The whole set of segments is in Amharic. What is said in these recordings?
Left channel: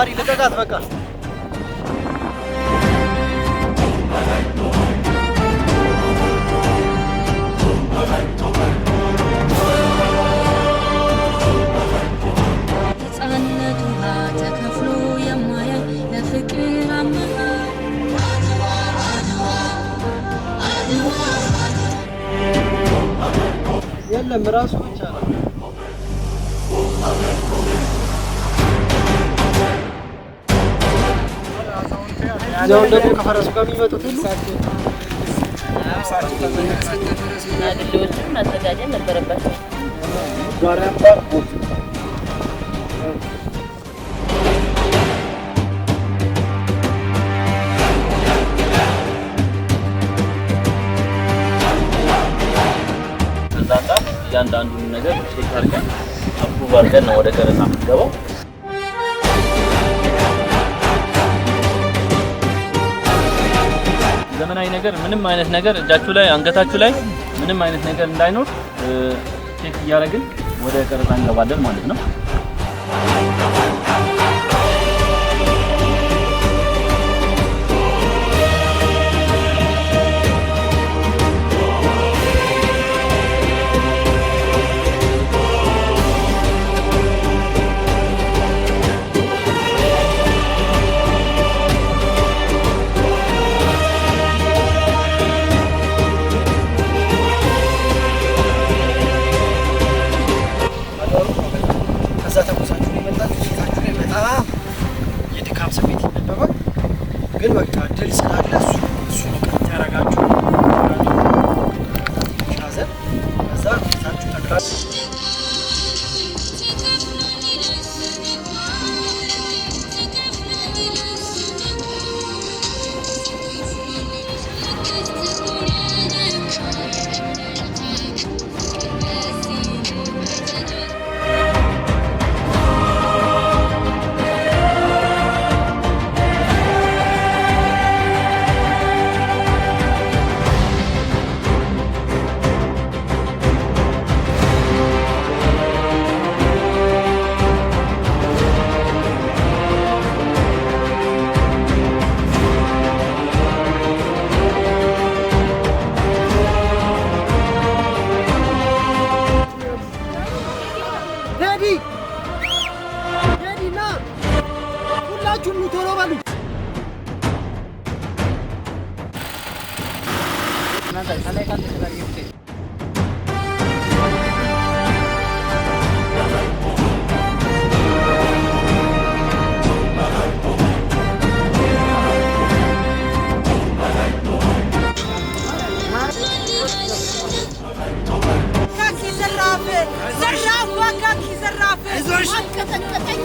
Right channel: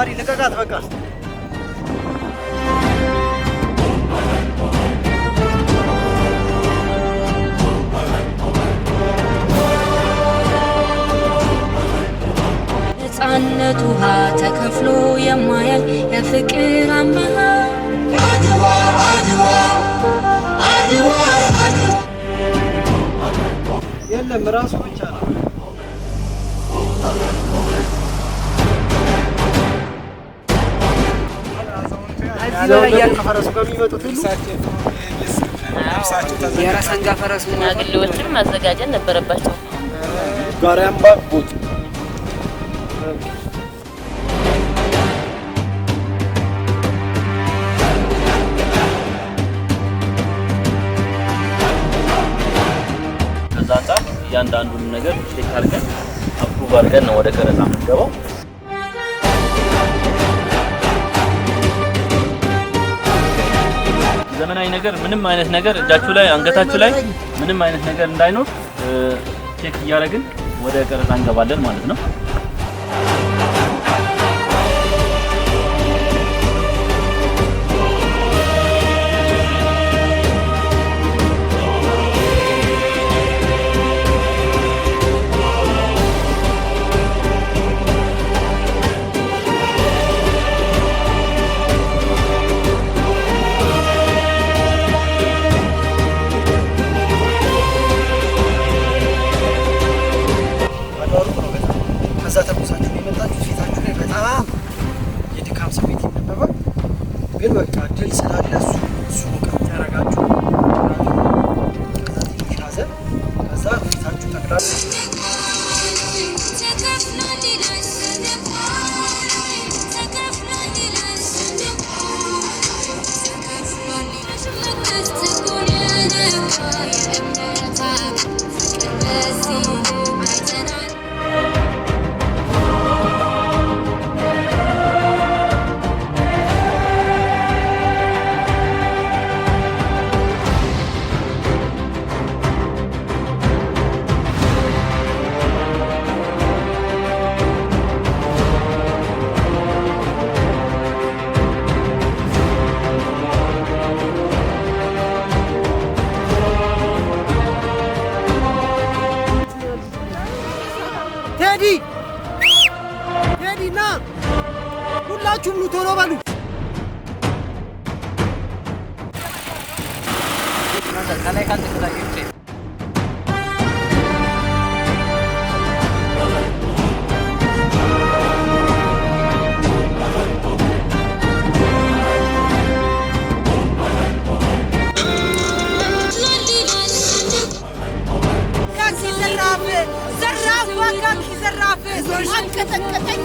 ማሪ ልቀቃት በቃ ነፃነት ውሃ ተከፍሎ የማያል የፍቅር አምባ አድዋ አድዋ አድዋ የለም ራሱ ብቻ ነው ያለው ከፈረሱ ጋር የሚመጡት ሁሉ የራሳንጋ ፈረስ ማግሌዎችን ማዘጋጀት ነበረባቸው ጋራም ባቁት ከዛንታ እያንዳንዱን ነገር ቼክ አድርገን አፕሩቭ አድርገን ነው ወደ ቀረጻ የምንገባው። ዘመናዊ ነገር ምንም አይነት ነገር እጃችሁ ላይ አንገታችሁ ላይ ምንም አይነት ነገር እንዳይኖር ቼክ እያደረግን ወደ ቀረጻ እንገባለን ማለት ነው። ከዛ ተኩሳችሁ ነው የመጣችሁት። ፊታችሁ ላይ በጣም የድካም ስሜት ይነበባል። ግን በቃ ድል ስላለ እሱ ነው ቀጥ ያደርጋችሁ። ከዛ ትንሽ ሀዘን፣ ከዛ ፊታችሁ ጠቅላላ ቴዲና ሁላችሁም ኑ ቶሎ በሉ። ዘራፍ ዋካኪ ዘራፍ አንቀጠቀጠኝ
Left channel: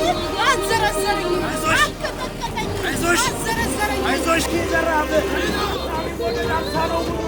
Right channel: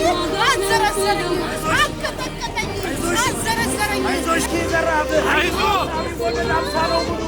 አዘረሰረኝ አንቀጠቀጠኝ አዘረሰረኝ አይዞሽ ኪ ዘራፍ አይዞ አቢ ወደ ዳምሳ ነው ሙሉ